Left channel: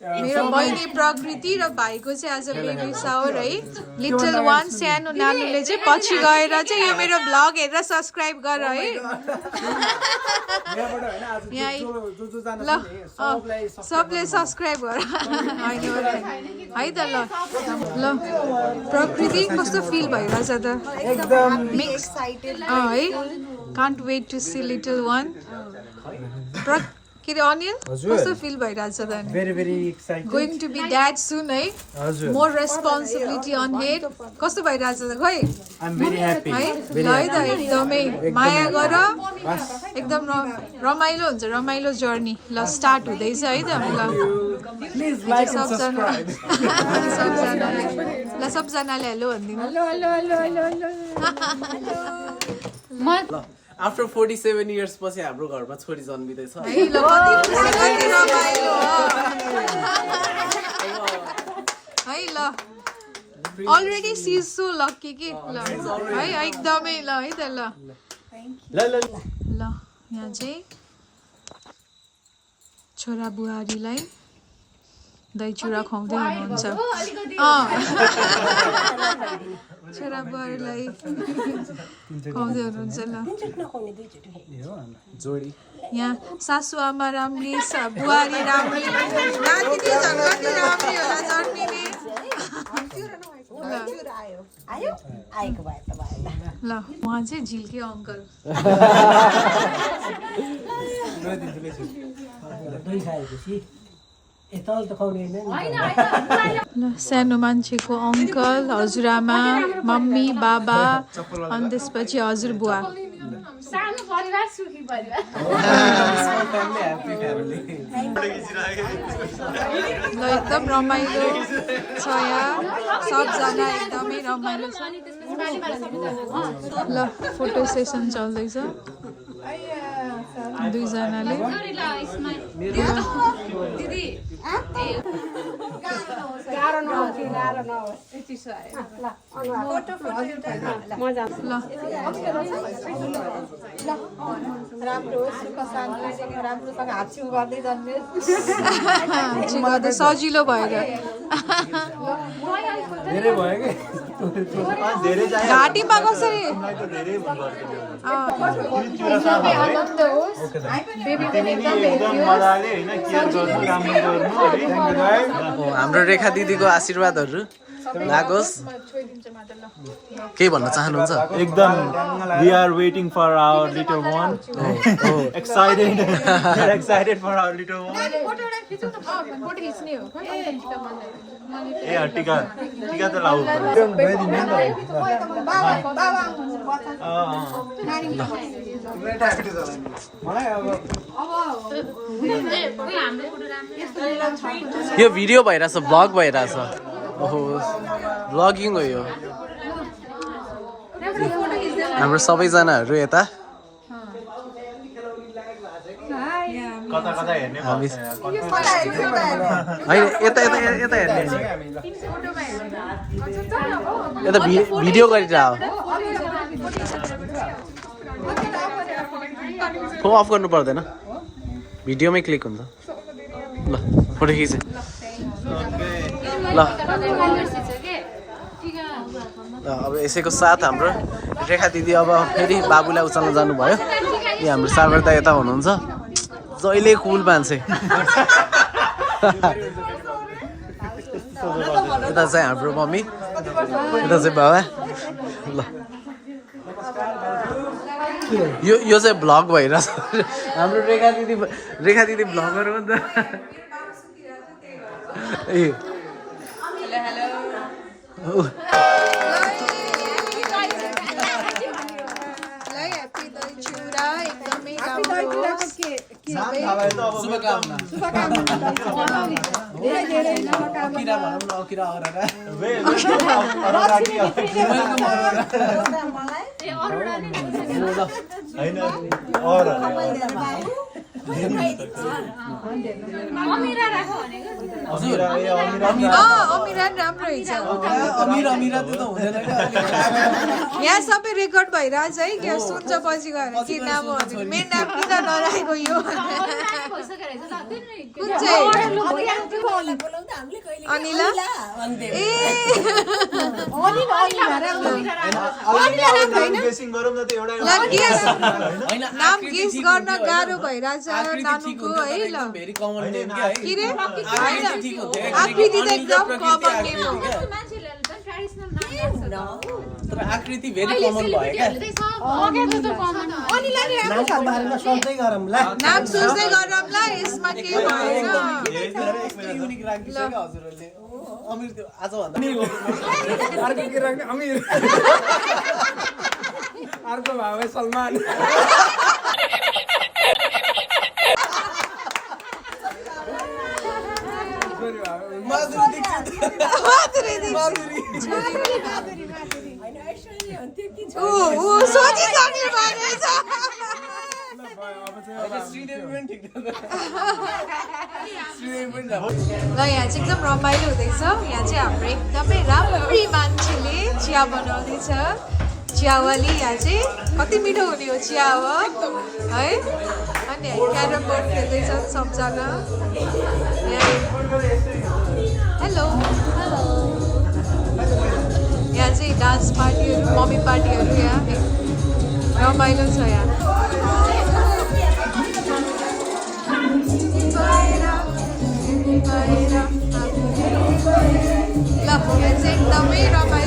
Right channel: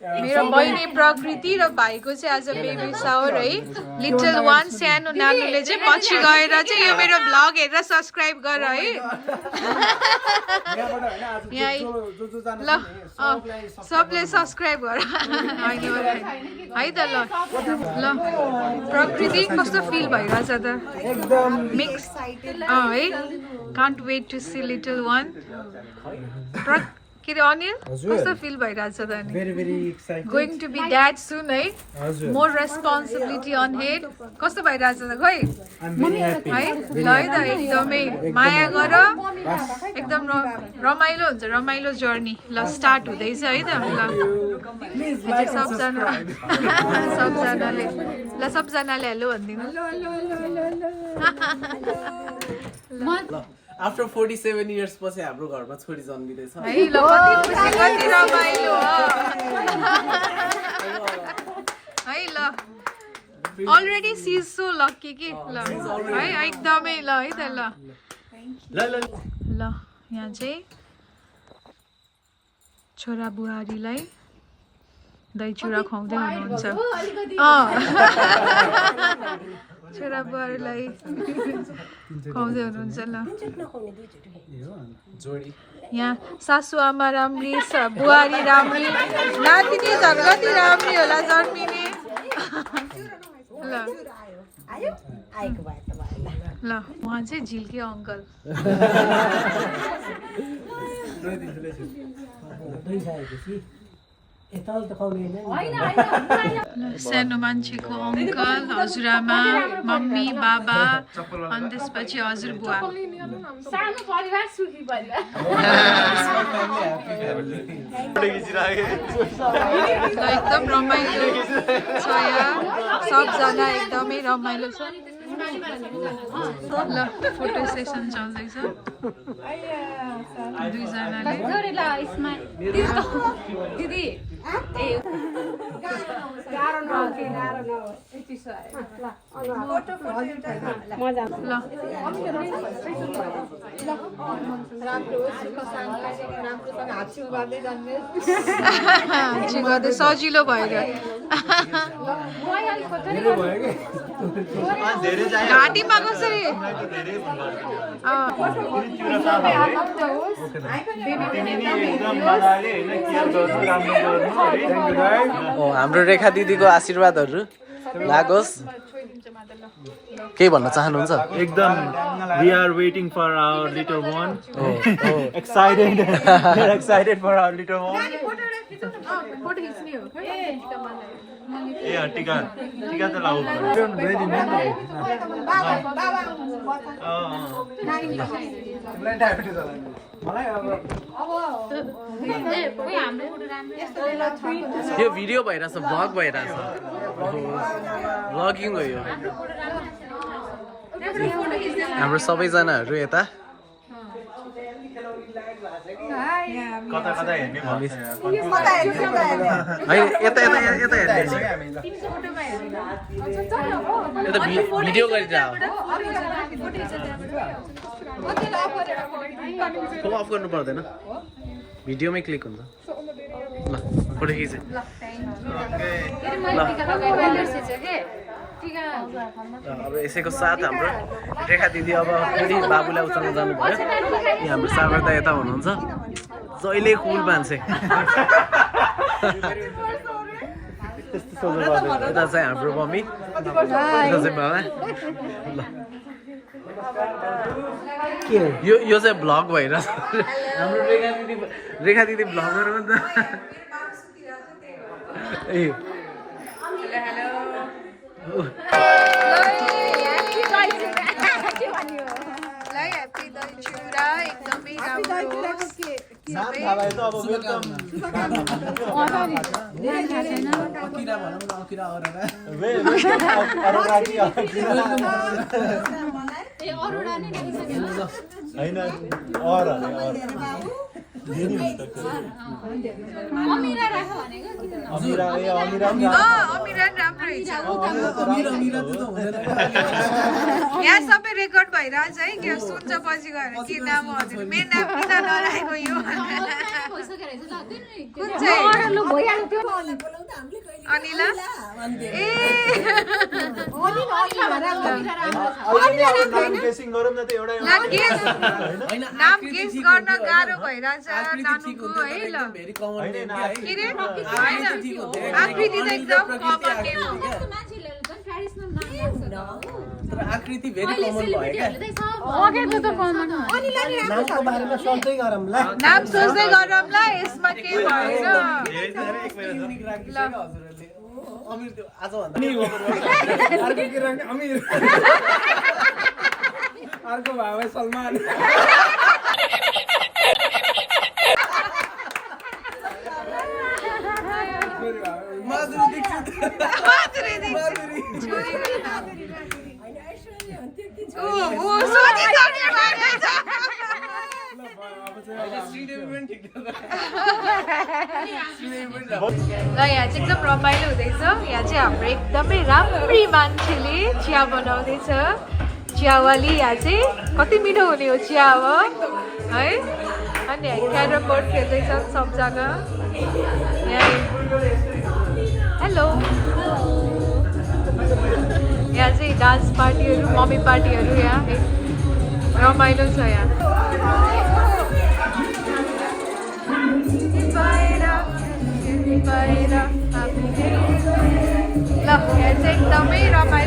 मेरो बहिनी प्रकृति र भाइको चाहिँ आज बेबी सावर है लिटल वान सानो नानुले चाहिँ पछि गएर चाहिँ यो मेरो भ्लग हेरेर सब्स्क्राइब गर है ल सबले सब्स्क्राइब गर है त ल ल प्रकृति कस्तो फिल भइरहेछ त एकदम मिक्स है can't wait to see little one के अरे अनिल कस्तो फिल भइरहेछ त नि very excited. Going to be dad soon है मोर रेस्पोन्सिबिलिटी अन हेड कस्तो भइरहेछ त खै I'm very happy. है ल है त एकदमै माया गर एकदम रमाइलो हुन्छ रमाइलो जर्नी ल स्टार्ट हुँदैछ है त ल Please like and सबजना subscribe. सबजनाले हेलो भनिदिनु After 47 years पछि हाम्रो घरमा छोरी जन्मिँदैछ है ल कति खुसी कति रमाइलो है ल already C is so lucky कि ल है एकदमै ल है त ल यहाँ चाहिँ छोरा बुहारीलाई दही चिउरा खुवाउँदै हुनुहुन्छ छोरा बुहारीलाई खुवाउँदै हुनुहुन्छ ल यहाँ सासु आमा राम्री बुहारी राम्री नातिनी झन् कति राम्री होला जन्मिने ल उहाँ चाहिँ झिल्के अङ्कल सानो मान्छेको अङ्कल हजुरआमा मम्मी बाबा अनि त्यसपछि हजुरबुवा ल एकदम रमाइलो छ यहाँ सबजना एकदमै रमाइलो छ ल फोटो सेसन चल्दैछ दुईजनाले सजिलो भएर घाँटीमा कसरी हाम्रो रेखा दिदीको आशीर्वादहरू लागोस् के भन्न चाहनुहुन्छ एकदम we are waiting for our little one excited for our little one टिका त लाउ यो भिडियो भइरहेछ भ्लग भइरहेछ ओहो भ्लगिङ हो यो हाम्रो सबैजनाहरू यता कता हेर्ने हामी होइन यता हेर्ने यता भिडियो गरिरह फोन अफ गर्नु पर्दैन भिडियोमै क्लिक हुन्छ ल फोटो खिच ल अब यसैको साथ हाम्रो रेखा दिदी अब फेरि बाबुलाई उचाल्न जानुभयो यहाँ हाम्रो सागर दा यता हुनुहुन्छ जहिले कुल मान्छे यता चाहिँ हाम्रो मम्मी यता चाहिँ बाबा ल यो चाहिँ भ्लग भइरहेछ हाम्रो रेखा दिदी भ्लगर हो नि त ए यहाँ सबै रेकर्ड भइरहेछ है के सुन्छ पछि गएर के नाम मेरो नाम किन नराखेको यो कुन चाहिँ अनिला ए ल गेस नाम गेस गर्न गाह्रो भइरहेछ नानुको है ल के रे होइन आकृति त एकदम कमन नेम हो तर आकृति भेरी कमन भयो क्या नामको बारेमा सोच्दै गरौँ ल नाम सोच्दै गरौँला यसमा के भएन ल अमिर त्यो आजभन्दा अर्को के रङ अमिर अर्को भाउ सलमान सोचिसक्ने भएको छ ल यहाँ चाहिँ एकदम रमाइलो हुँदैछ यहाँ चाहिँ हाम्रो एकदमै राम्री मान्छेले चिया बनाउँदैछ चियावाली यहाँ चाहिँ कति मिठो हुने हो चिया हो है अनि यहाँ क्यारम बोर्ड खेल्दैछन् सबजना हेलो यहाँ चाहिँ डान्स पार्टीहरू मम्मी पार्टीहरू यहाँ रमाइलो छ यहाँ ल यहाँ चाहिँ एकदमै रमाइलो